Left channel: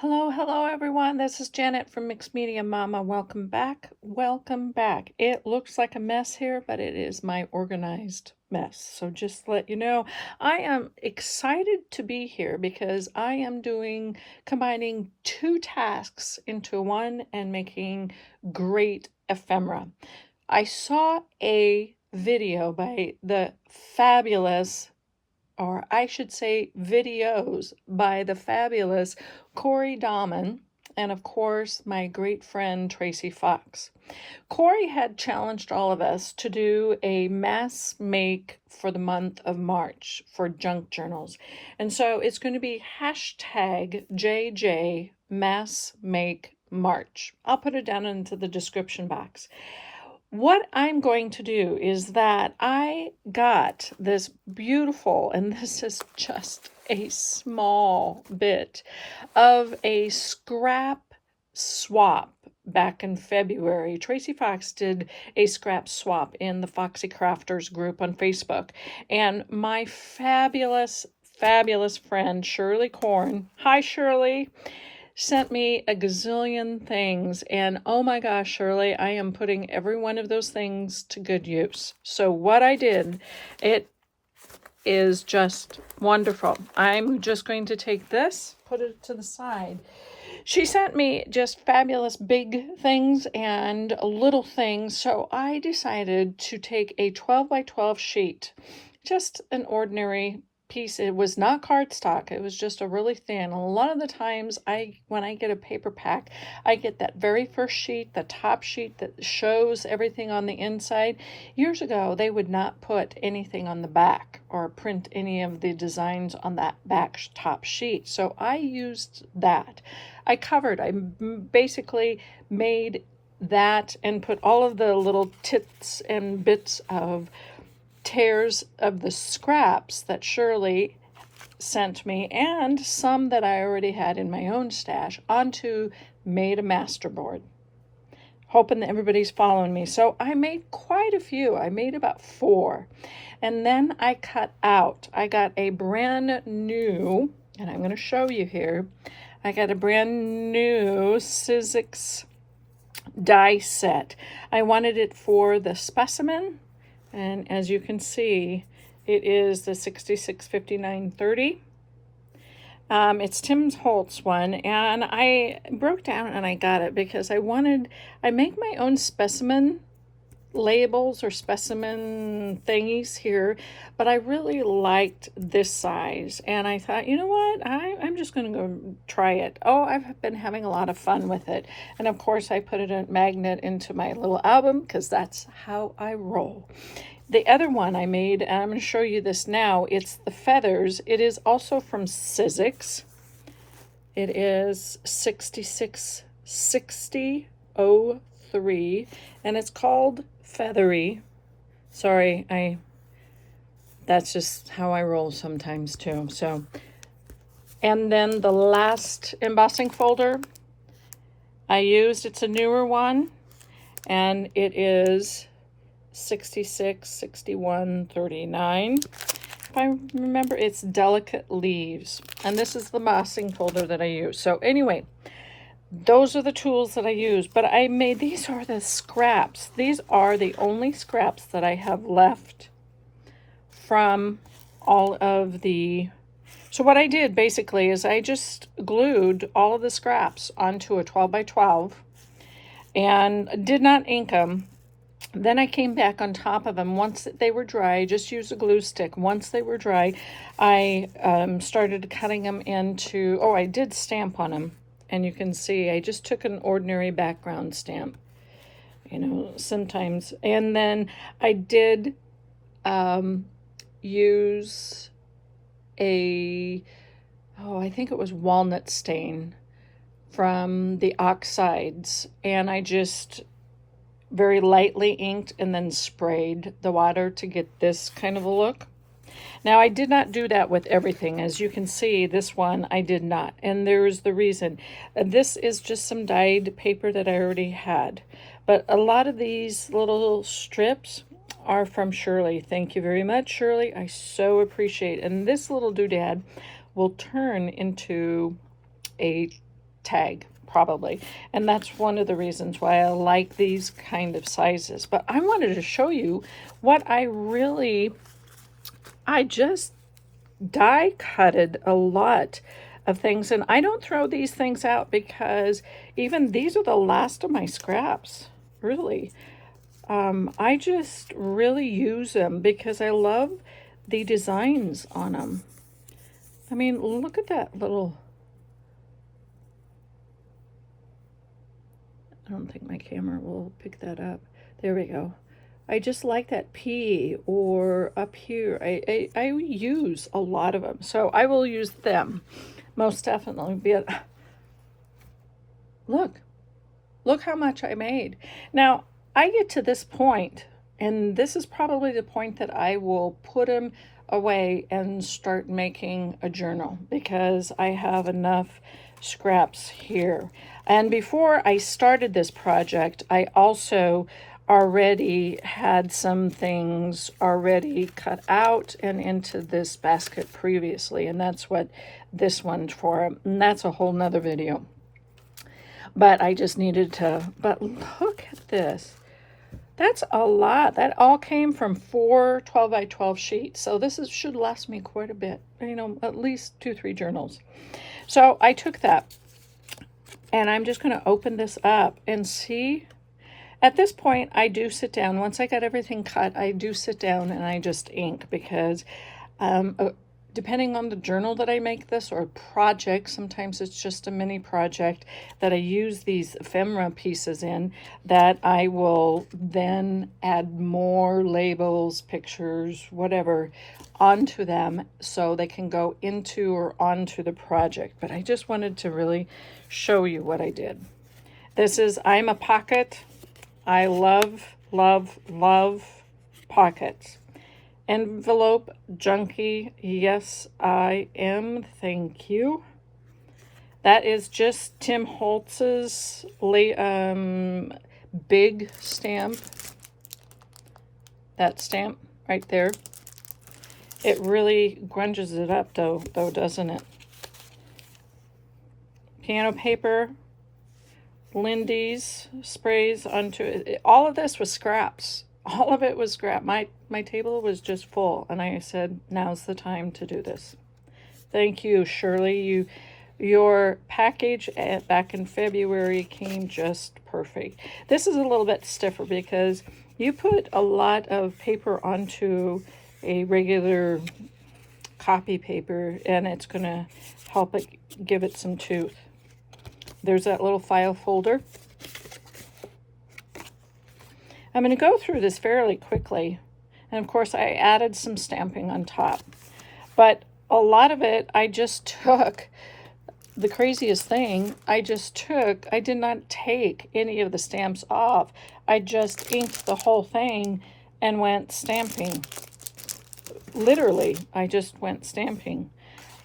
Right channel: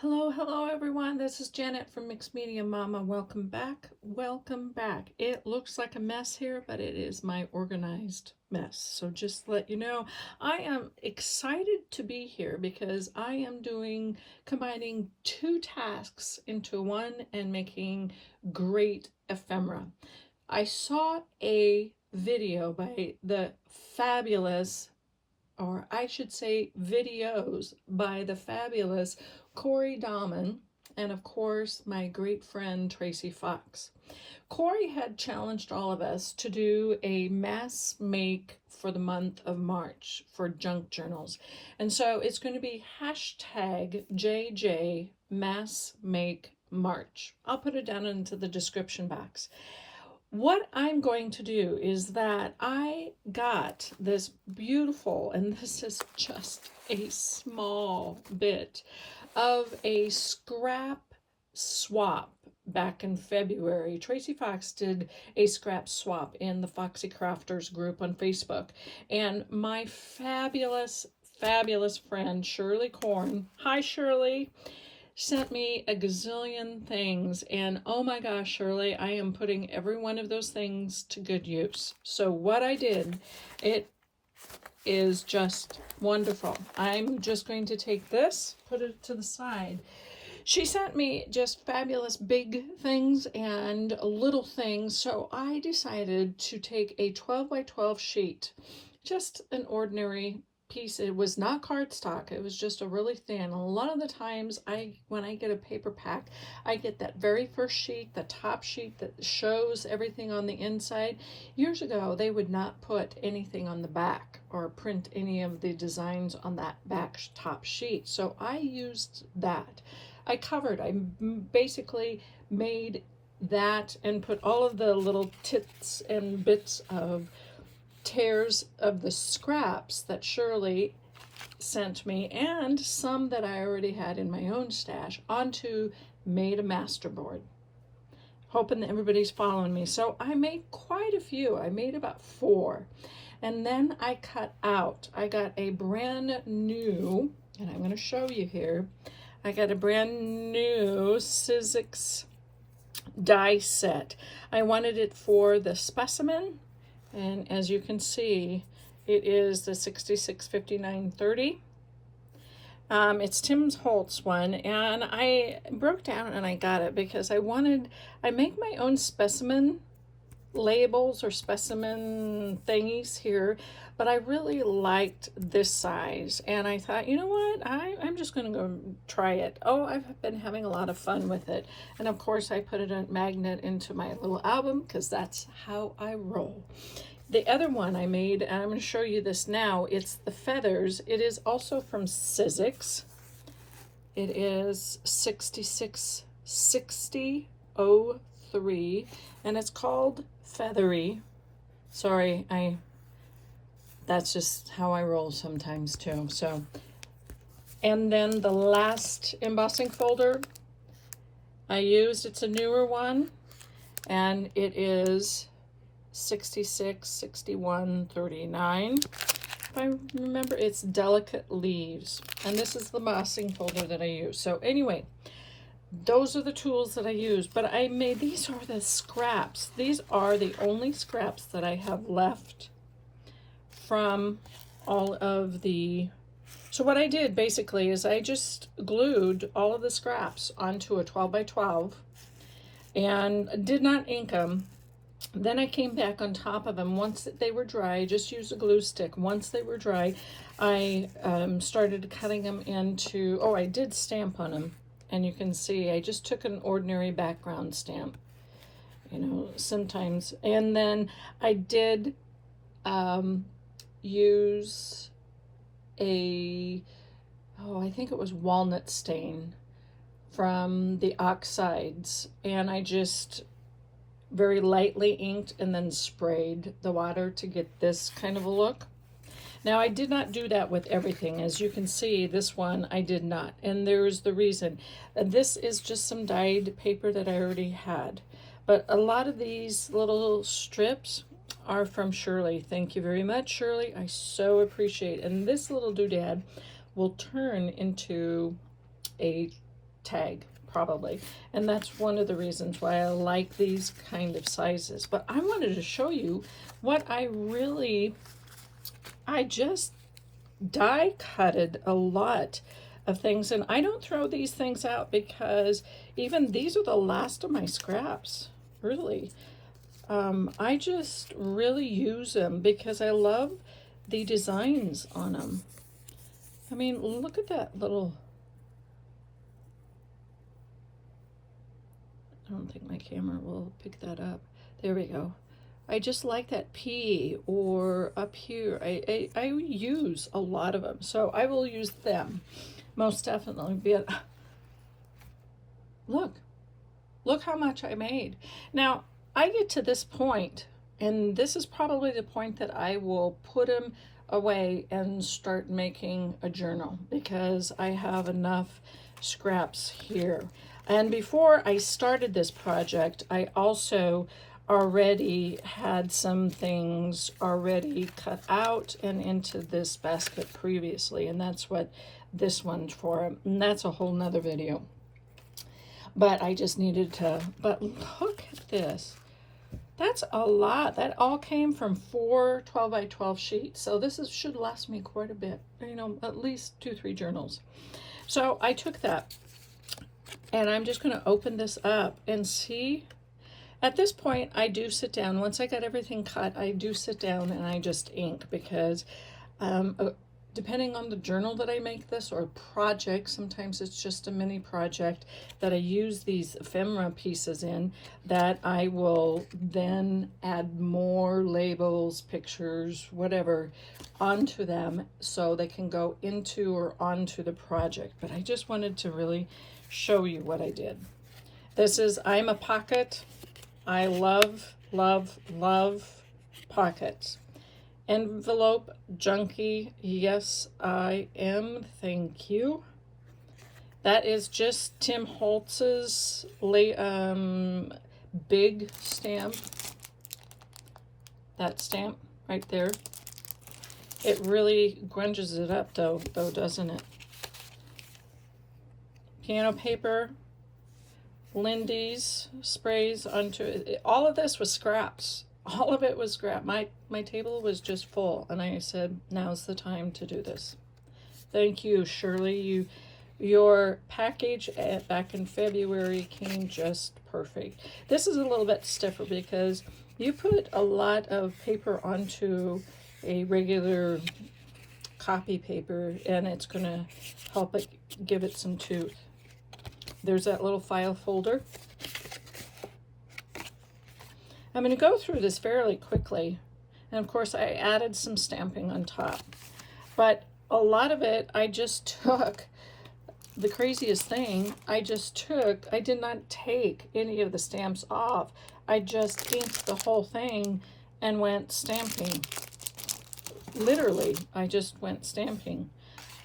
Hello, hello everyone. This is Janet from Mixed Media Mama. Welcome back. Welcome back. It looks like a mess here, but it is my organized mess. So just to let you know, I am excited to be here because I am combining two tasks into one and making great ephemera. I saw a video by the fabulous, or I should say videos by the fabulous Corey Dahman, and of course my great friend Tracy Fox. Corey had challenged all of us to do a mass make for the month of March for junk journals. And so it's going to be hashtag JJ Mass Make March. I'll put it down into the description box. What I'm going to do is that I got this beautiful, and this is just a small bit of a scrap swap back in February. Tracy Fox did a scrap swap in the Foxy Crafters group on Facebook, and my fabulous, fabulous friend Shirley Corn, hi Shirley, sent me a gazillion things, and oh my gosh, Shirley, I am putting every one of those things to good use. So what I did, it is just wonderful. I'm just going to take this, put it to the side. She sent me just fabulous big things and little things, so I decided to take a 12 by 12 sheet, just an ordinary piece. It was not cardstock, it was just a really thin. A lot of the times when I get a paper pack, I get that very first sheet, the top sheet that shows everything on the inside. Years ago they would not put anything on the back or print any of the designs on that back top sheet, so I used that. I basically made that and put all of the little tits and bits of tears of the scraps that Shirley sent me and some that I already had in my own stash onto made a masterboard. Hoping that everybody's following me. So I made quite a few. I made about 4. And then I cut out. I got a brand new, and I'm going to show you here. I got a brand new Sizzix die set. I wanted it for the Specimen. And as you can see, it is the 665930. It's Tim Holtz one, and I broke down and I got it because I make my own specimen labels or specimen thingies here, but I really liked this size, and I thought, you know what, I'm just going to go try it. Oh, I've been having a lot of fun with it, and of course I put it a magnet into my little album because that's how I roll. The other one I made, and I'm going to show you this now, it's the feathers. It is also from Sizzix. It is 666003, and it's called Feathery. Sorry, that's just how I roll sometimes too. So, and then the last embossing folder I used, it's a newer one, and it is 666139. If I remember, it's Delicate Leaves, and this is the embossing folder that I use. So anyway, those are the tools that I use, but I made, these are the scraps. These are the only scraps that I have left from all of the, so what I did basically is I just glued all of the scraps onto a 12 by 12 and did not ink them. Then I came back on top of them once they were dry. Just use a glue stick. Once they were dry, I started cutting them into, oh, I did stamp on them. And you can see I just took an ordinary background stamp, you know, sometimes. And then I did use I think it was walnut stain from the oxides. And I just very lightly inked and then sprayed the water to get this kind of a look. Now, I did not do that with everything. As you can see, this one I did not, and there's the reason. This is just some dyed paper that I already had, but a lot of these little strips are from Shirley. Thank you very much, Shirley. I so appreciate it. And this little doodad will turn into a tag, probably. And that's one of the reasons why I like these kind of sizes. But I wanted to show you what I just die cutted a lot of things, and I don't throw these things out because even these are the last of my scraps, really. I just really use them because I love the designs on them. I mean, look at that little, I don't think my camera will pick that up. There we go. I just like that P, or up here. I use a lot of them, so I will use them most definitely. But look how much I made. Now I get to this point, and this is probably the point that I will put them away and start making a journal, because I have enough scraps here. And before I started this project, I also already had some things already cut out and into this basket previously, and that's what this one's for, and that's a whole nother video. But I just needed to, but look at this. That's a lot. That all came from 4 12 by 12 sheets, so this should last me quite a bit, you know, at least 2-3 journals. So I took that, and I'm just going to open this up and see. At this point, I do sit down. Once I got everything cut, I do sit down and I just ink, because depending on the journal that I make this, or project, sometimes it's just a mini project that I use these ephemera pieces in, that I will then add more labels, pictures, whatever, onto them so they can go into or onto the project. But I just wanted to really show you what I did. This is, I'm a pocket. I love, love, love pockets. Envelope junkie, yes I am, thank you. That is just Tim Holtz's big stamp. That stamp right there. It really grunges it up though, doesn't it? Piano paper. Lindy's sprays onto it. All of this was scraps. All of it was scrap. My table was just full, and I said, now's the time to do this. Thank you, Shirley. Your package back in February came just perfect. This is a little bit stiffer because you put a lot of paper onto a regular copy paper, and it's going to help it give it some tooth. There's that little file folder. I'm going to go through this fairly quickly. And of course, I added some stamping on top. But a lot of it, I just took, the craziest thing, I did not take any of the stamps off. I just inked the whole thing and went stamping. Literally, I just went stamping.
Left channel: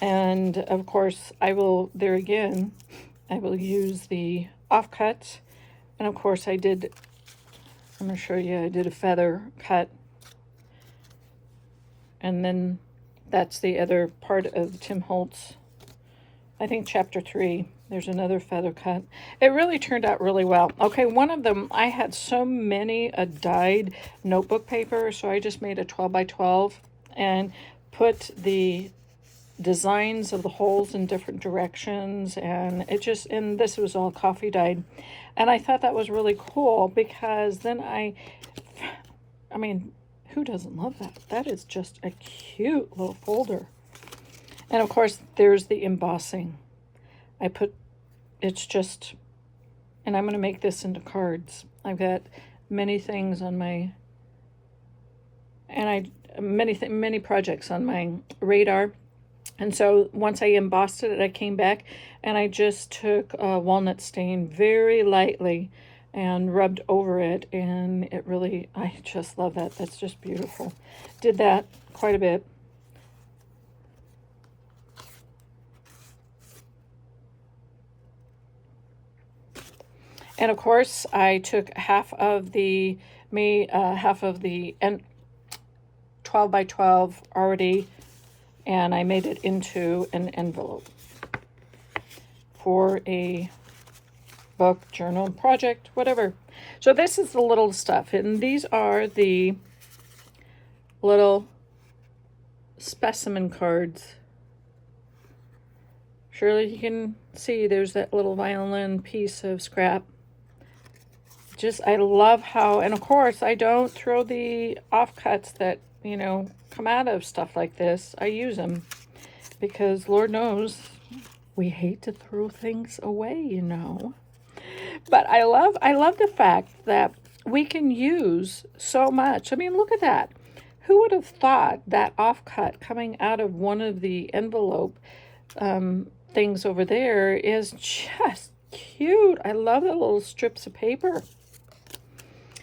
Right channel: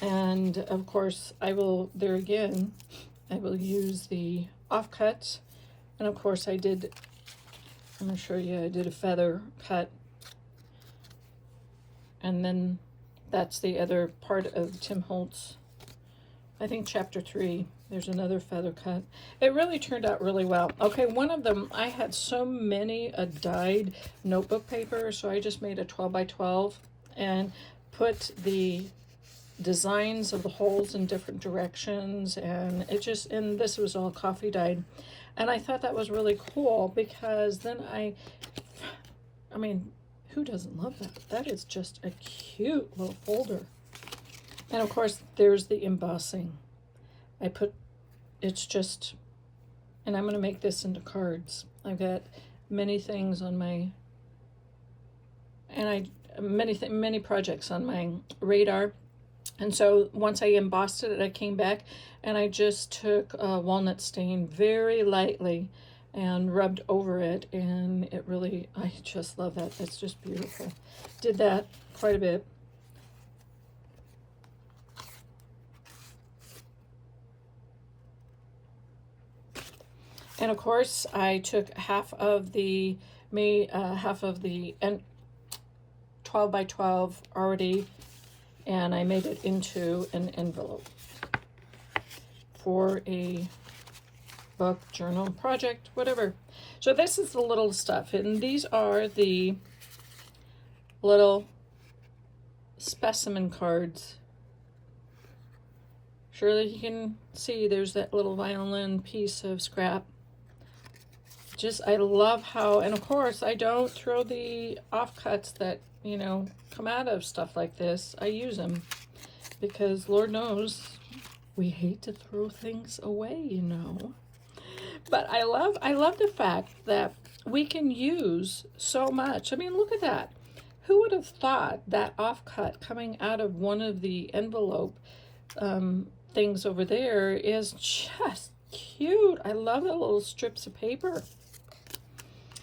And of course, I will, there again, I will use the offcuts, and of course I'm going to show you, I did a feather cut, and then that's the other part of Tim Holtz. I think chapter 3, there's another feather cut. It really turned out really well. Okay, one of them, I had so many dyed notebook paper, so I just made a 12 by 12 and put the designs of the holes in different directions, and and this was all coffee dyed, and I thought that was really cool, because then I mean, who doesn't love that? That is just a cute little folder. And of course there's the embossing. It's just, and I'm going to make this into cards. I've got many things on my, and many projects on my radar. And so once I embossed it, I came back and I just took a walnut stain very lightly and rubbed over it, and it really, I just love that. That's just beautiful. Did that quite a bit. And of course, I took half of the 12 by 12 already, and I made it into an envelope. for a book, journal, project, whatever. So this is the little stuff, and these are the little specimen cards. Surely you can see there's that little violin piece of scrap. Just, I love how, and of course I don't throw the offcuts that, you know, come out of stuff like this. I use them because Lord knows we hate to throw things away, you know. But I love the fact that we can use so much. I mean, look at that. Who would have thought that offcut coming out of one of the envelope things over there is just cute. I love the little strips of paper.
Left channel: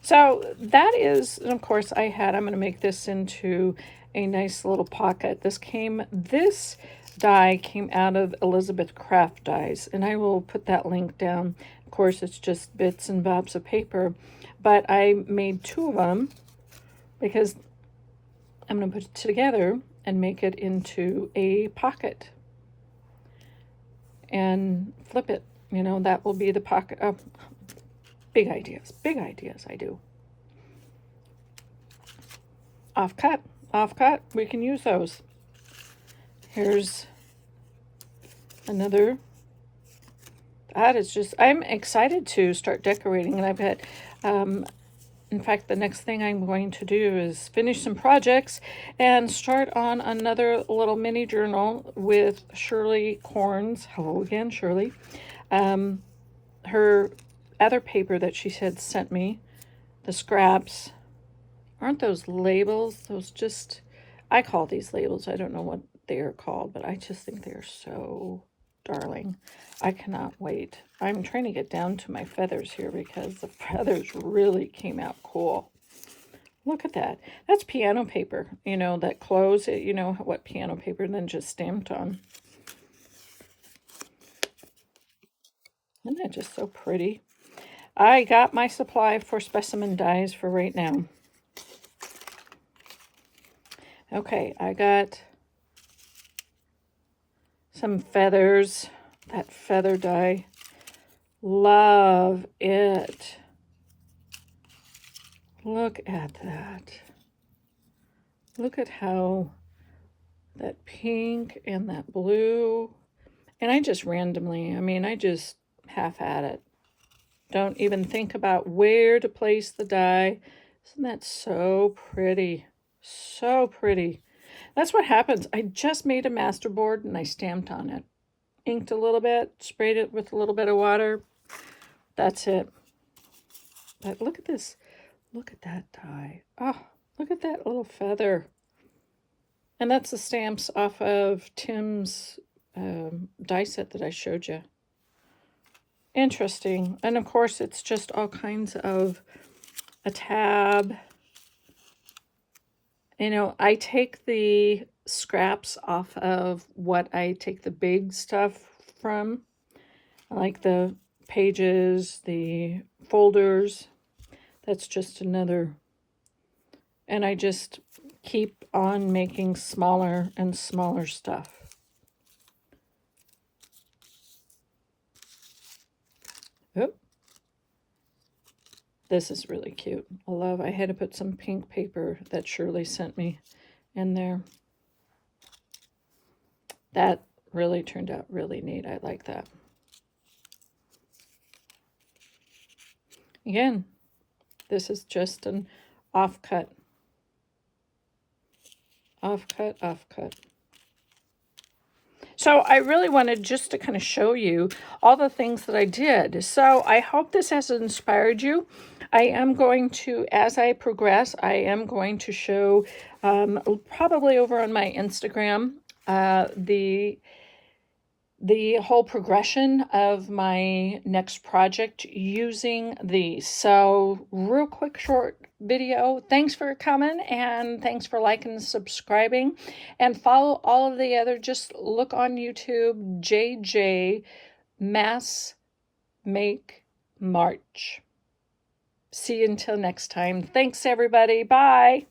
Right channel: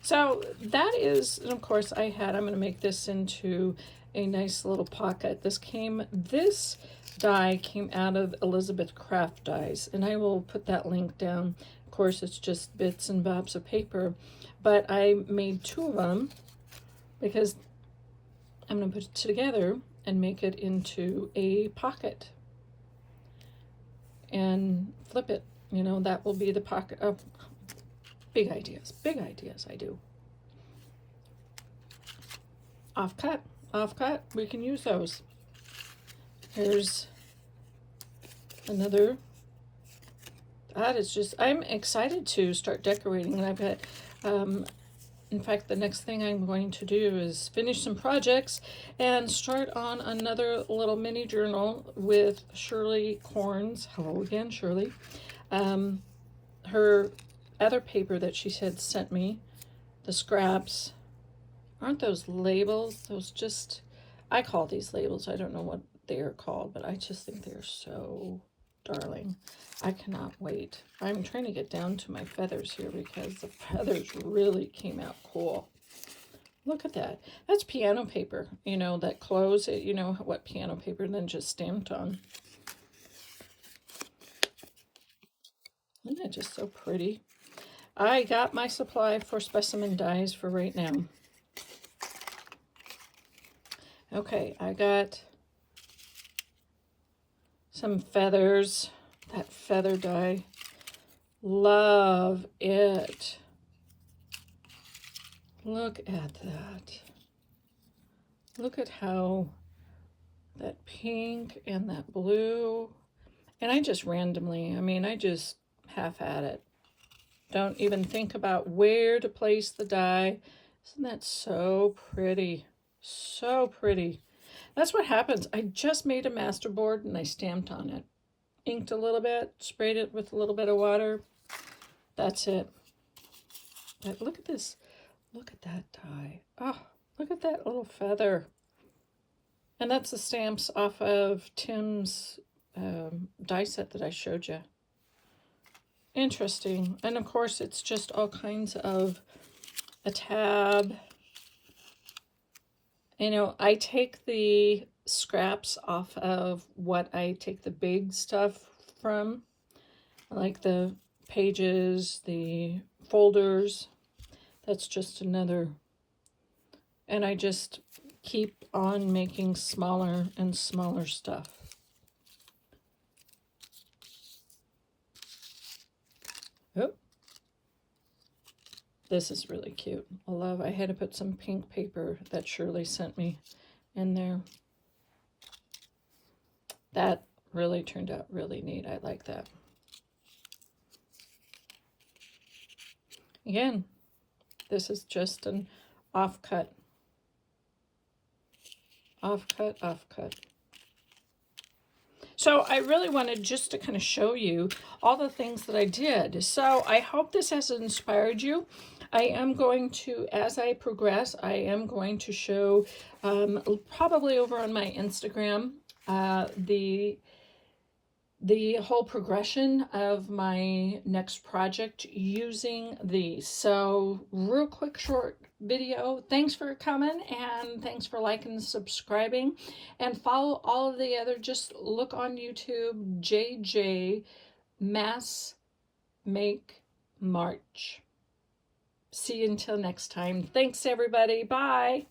So that is, and of course I'm going to make this into a nice little pocket. This die came out of Elizabeth Craft dies, and I will put that link down. Of course, it's just bits and bobs of paper, but I made 2 of them because I'm going to put it together and make it into a pocket and flip it. You know, that will be the pocket. Oh, big ideas I do. Offcut, we can use those. Here's another. That is just, I'm excited to start decorating, and I bet, in fact, the next thing I'm going to do is finish some projects and start on another little mini journal with Shirley Corn's. Hello again, Shirley. Her other paper that she had sent me, the scraps. Aren't those labels? Those just, I call these labels. I don't know what they are called, but I just think they're so darling. I cannot wait. I'm trying to get down to my feathers here because the feathers really came out cool. Look at that. That's piano paper, you know, that close, you know what piano paper, and then just stamped on. Isn't that just so pretty? I got my supply for specimen dies for right now. Okay, I got some feathers, that feather die. Love it. Look at that. Look at how that pink and that blue. And I just randomly, I mean, I just half at it. Don't even think about where to place the die. Isn't that so pretty? So pretty. That's what happens. I just made a masterboard and I stamped on it. Inked a little bit, sprayed it with a little bit of water. That's it. But look at this. Look at that die. Oh, look at that little feather. And that's the stamps off of Tim's die set that I showed you. Interesting. And of course, it's just all kinds of a tab. You know, I take the scraps off of what I take the big stuff from, like the pages, the folders. That's just another. And I just keep on making smaller and smaller stuff. Oop. This is really cute. I had to put some pink paper that Shirley sent me in there. That really turned out really neat. I like that. Again, this is just an offcut. Offcut. So I really wanted just to kind of show you all the things that I did. So I hope this has inspired you. I am going to, as I progress, I am going to show probably over on my Instagram the whole progression of my next project using these. So real quick, short video. Thanks for coming, and thanks for liking and subscribing, and follow all of the other, just look on YouTube, JJ Mass Make March. See you until next time. Thanks everybody. Bye.